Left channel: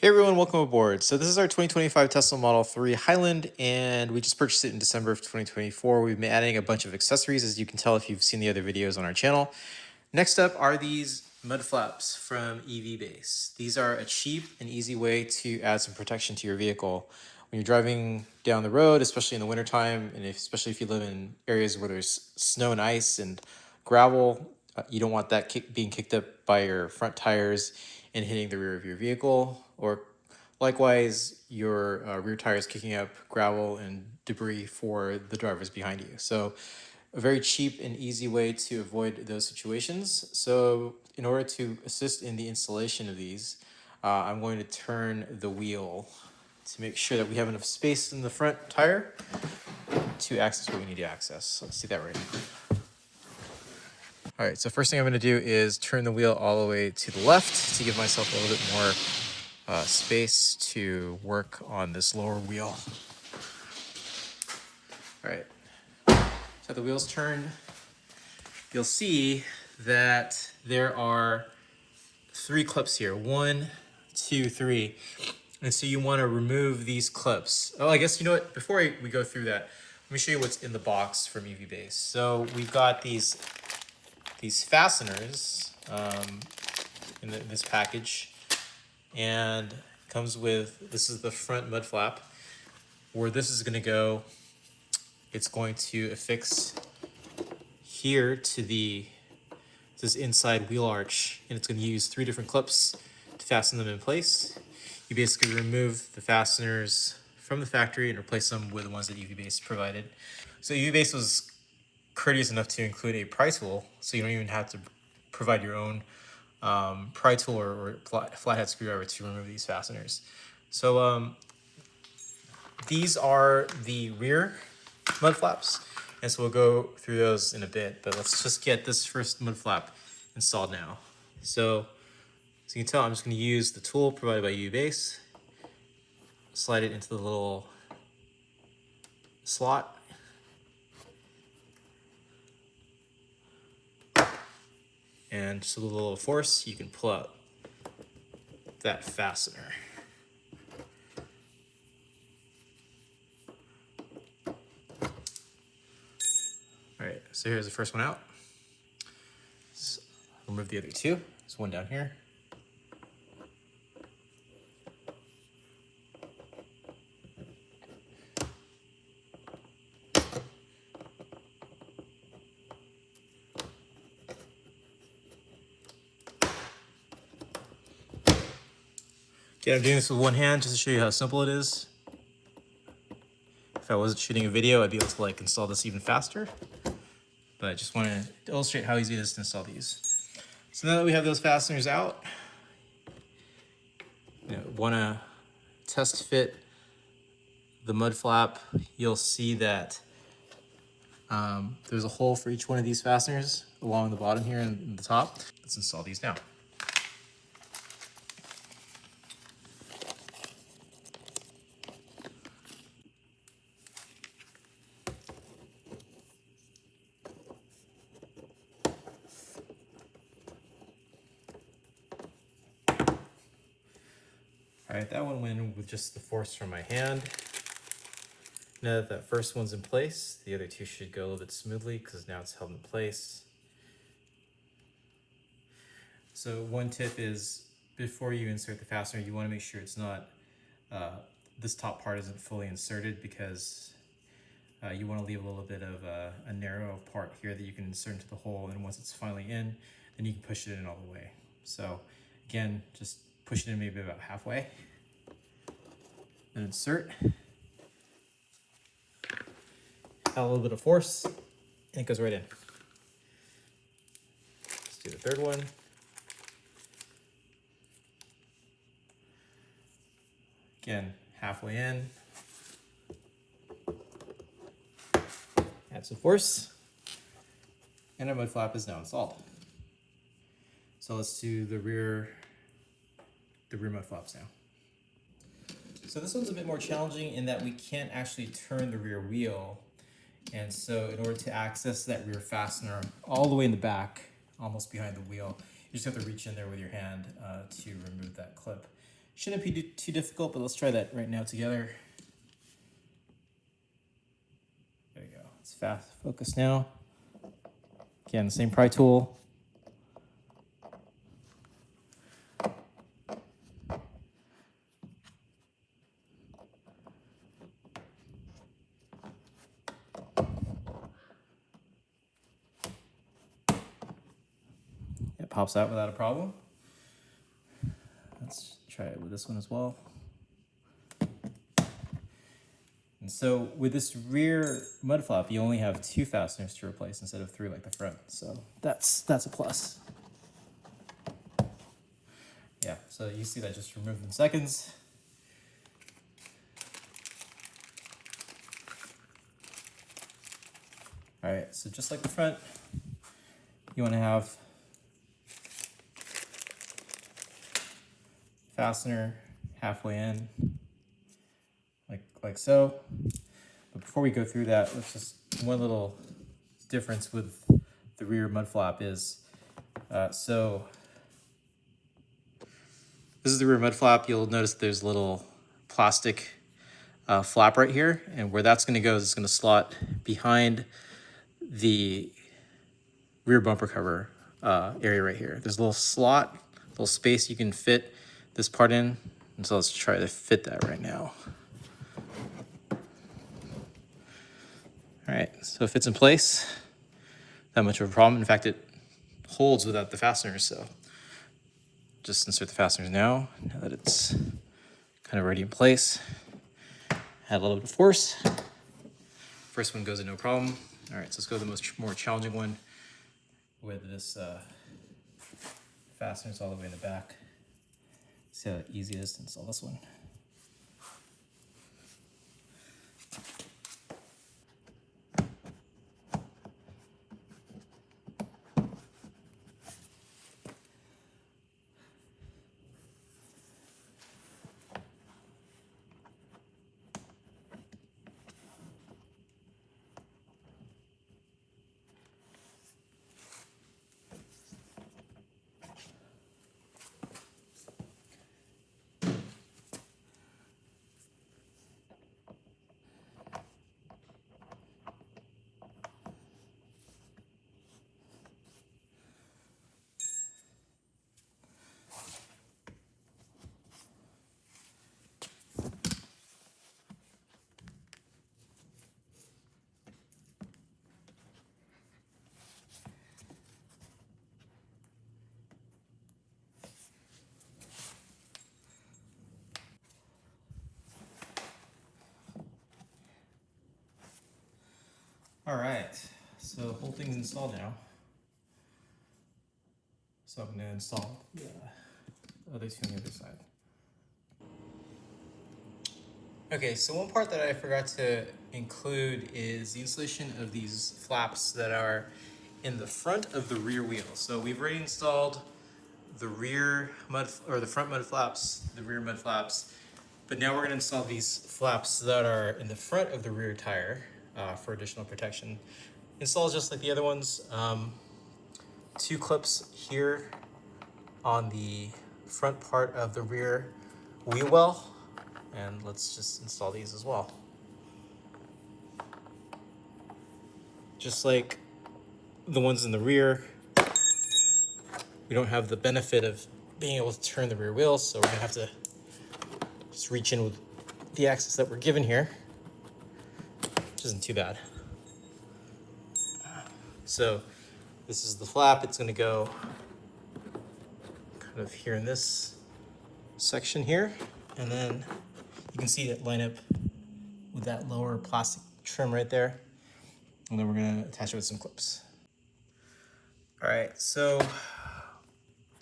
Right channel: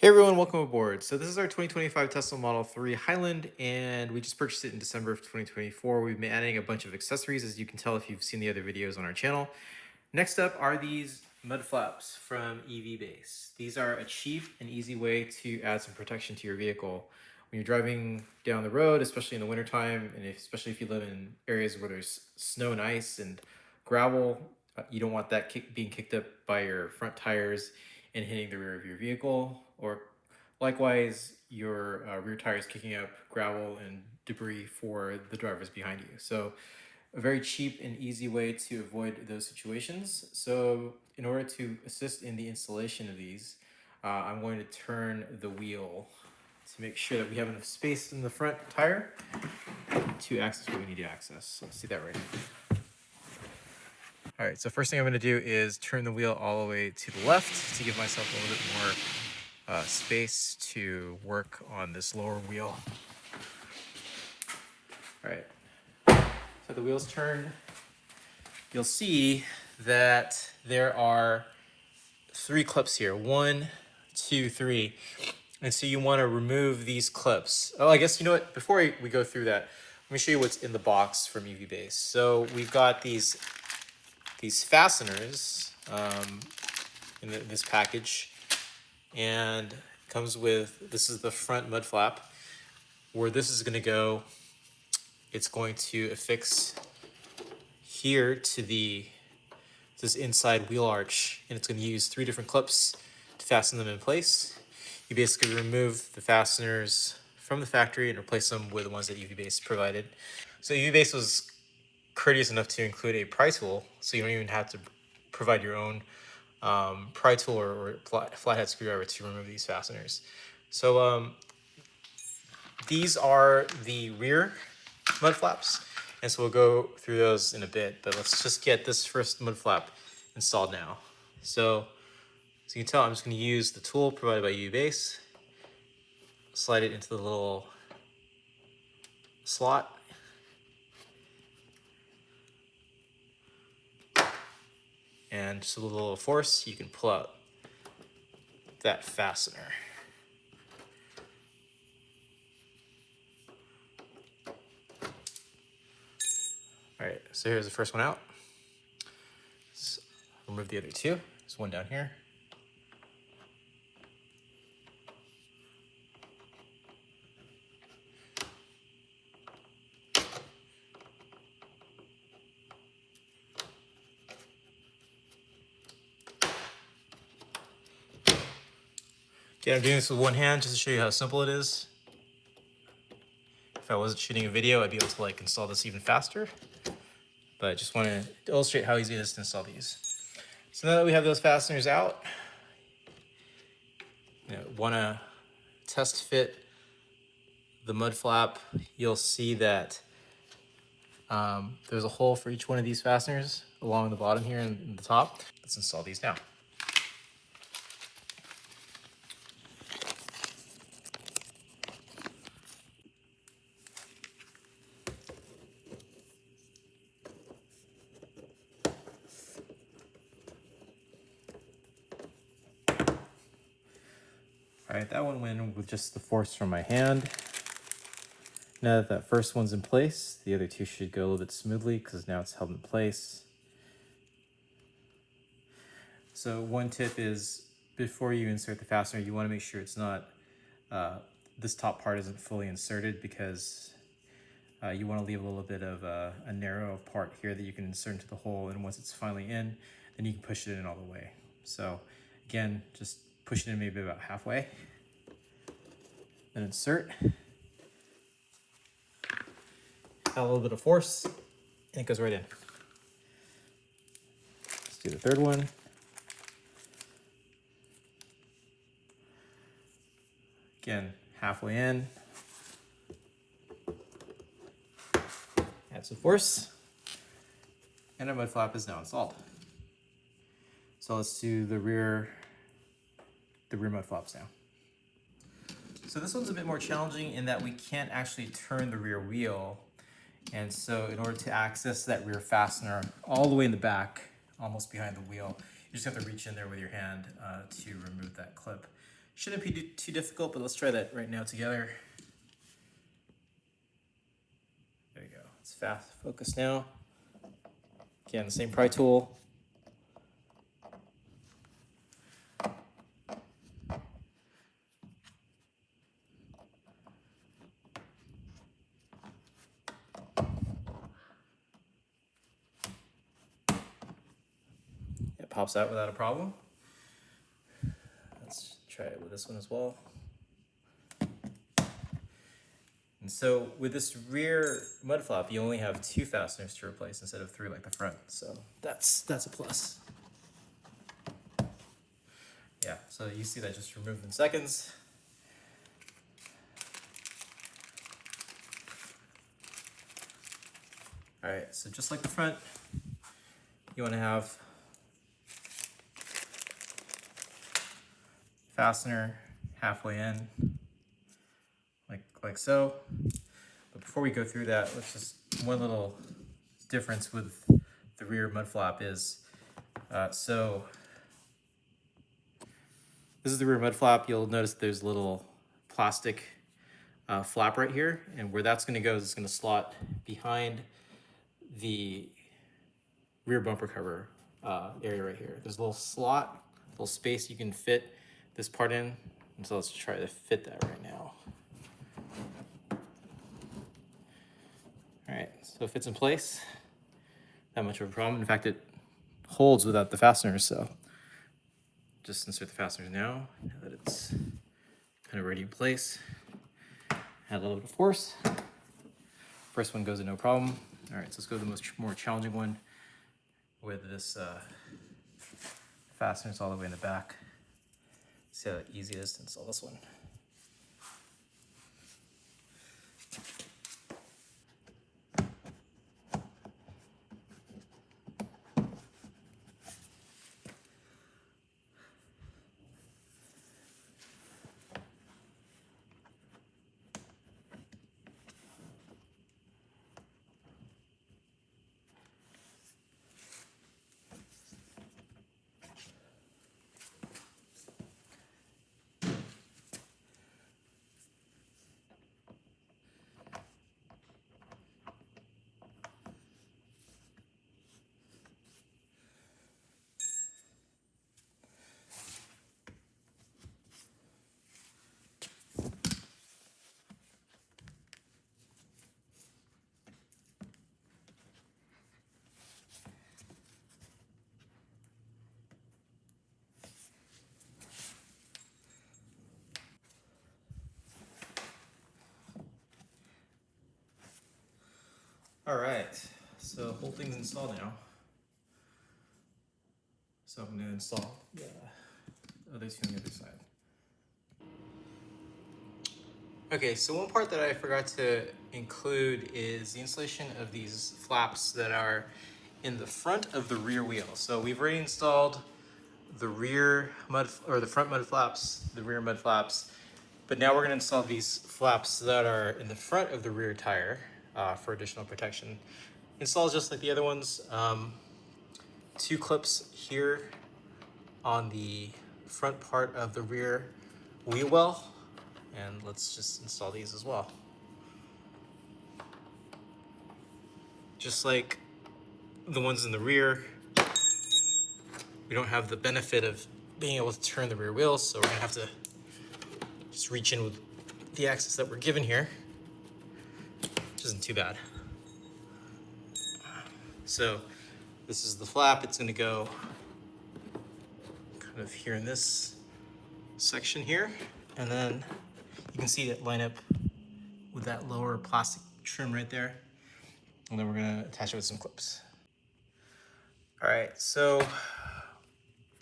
Hey everyone, welcome aboard. So this is our 2025 Tesla Model 3 Highland, and we just purchased it in December of 2024. We've been adding a bunch of accessories, as you can tell if you've seen the other videos on our channel. Next up are these mud flaps from EV-Base. These are a cheap and easy way to add some protection to your vehicle. When you're driving down the road, especially in the wintertime, and especially if you live in areas where there's snow and ice and gravel, you don't want that being kicked up by your front tires and hitting the rear of your vehicle, or likewise your rear tires kicking up gravel and debris for the drivers behind you. So a very cheap and easy way to avoid those situations. So in order to assist in the installation of these, I'm going to turn the wheel to make sure that we have enough space in the front tire to access what we need to access. So let's do that right now. All right, so first thing I'm going to do is turn the wheel all the way to the left to give myself a little bit more space to work on this lower wheel. All right, so the wheel's turned. You'll see that there are 3 clips here. 1, 2, 3. And so you want to remove these clips. Oh, I guess you know what? Before we go through that, let me show you what's in the box from EV-Base. So we've got these fasteners in this package, and it comes with, this is the front mud flap. Where this is going to go, it's going to affix here to this inside wheel arch, and it's going to use 3 different clips to fasten them in place. You basically remove the fasteners from the factory and replace them with the ones that EV-Base provided. So EV-Base was courteous enough to include a pry tool, so you don't even have to provide your own pry tool or flathead screwdriver to remove these fasteners. So these are the rear mud flaps, and so we'll go through those in a bit, but let's just get this first mud flap installed now. So as you can tell, I'm just going to use the tool provided by EV-Base, slide it into the little slot, and just a little force, you can pull out that fastener. All right, so here's the first one out. Let's remove the other 2. There's one down here. Okay, I'm doing this with one hand just to show you how simple it is. If I wasn't shooting a video, I'd be able to install this even faster. But I just want to illustrate how easy it is to install these. So now that we have those fasteners out, want to test fit the mud flap. You'll see that there's a hole for each one of these fasteners along the bottom here and the top. Let's install these now. All right, that one went in with just the force from my hand. Now that first one's in place, the other 2 should go a little bit smoothly because now it's held in place. So one tip is, before you insert the fastener, you want to make sure it's not, this top part isn't fully inserted, because you want to leave a little bit of a narrow part here that you can insert into the hole, and once it's finally in, then you can push it in all the way. So again, just push it in maybe about halfway, then insert. A little bit of force, and it goes right in. Let's do the third one. Again, halfway in. Add some force, and our mud flap is now installed. So let's do the rear mud flaps now. So this one's a bit more challenging in that we can't actually turn the rear wheel. And so in order to access that rear fastener all the way in the back, almost behind the wheel, you just have to reach in there with your hand to remove that clip. Shouldn't be too difficult, but let's try that right now together. There you go. It's fast focus now. Again, the same pry tool. It pops out without a problem. Let's try it with this one as well. And so with this rear mud flap, you only have 2 fasteners to replace instead of 3 like the front. So that's a plus. Yeah, so you see that just removed in seconds. All right, so just like the front, you want to have fastener halfway in, like so. But before we go through that, let's just, one little difference with the rear mud flap is, so this is the rear mud flap. You'll notice there's a little plastic flap right here, and where that's going to go is it's going to slot behind the rear bumper cover area right here. There's a little slot, little space you can fit this part in, and so let's try to fit that right now. All right, so it fits in place. Not much of a problem. In fact, it holds without the fasteners, so just insert the fasteners now that it's kind of already in place. Add a little bit of force. First one goes in no problem. All right, so let's go to the more challenging one with this fasteners all the way in the back. See how easy it is to install this one. All right, so the whole thing's installed now. So I'm gonna install the other two on the other side. Okay, so one part that I forgot to include is the installation of these flaps that are in the front of the rear wheel. So we've already installed the rear mud, or the front mud flaps, the rear mud flaps, but now we're gonna install these flaps that are in the front of the rear tire for additional protection. Install just like the other ones. 2 clips here on the front part of the rear wheel well, and let's just install these as well. Just like the ones in the rear, we don't have the benefit of being able to turn the rear wheels, so we're gonna have to just reach in with the axis that we're given here, which isn't too bad. So this is the flap. It's gonna go kind of here in this section here, and then you can see it line up with that lower plastic trim right there, and then we're gonna attach it with some clips. All right, so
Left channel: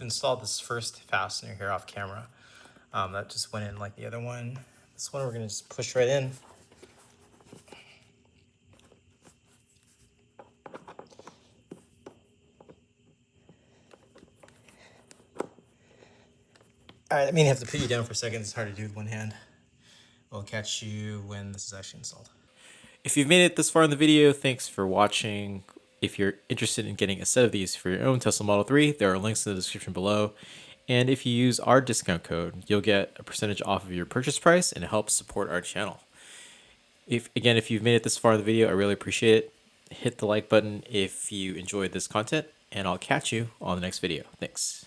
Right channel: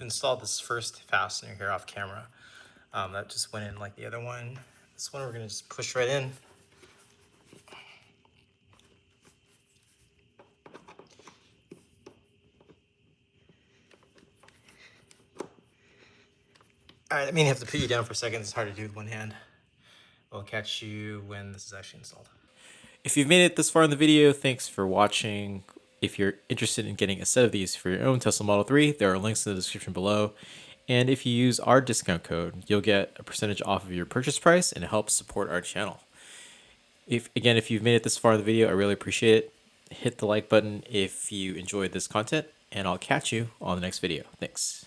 installed this first fastener here off camera. That just went in like the other one. This one we're gonna just push right in. All right, I mean, I have to put you down for a second. It's hard to do with one hand. I'll catch you when this is actually installed. If you've made it this far in the video, thanks for watching. If you're interested in getting a set of these for your own Tesla Model 3, there are links in the description below. And if you use our discount code, you'll get a percentage off of your purchase price and it helps support our channel. If you've made it this far in the video, I really appreciate it. Hit the like button if you enjoyed this content, and I'll catch you on the next video. Thanks.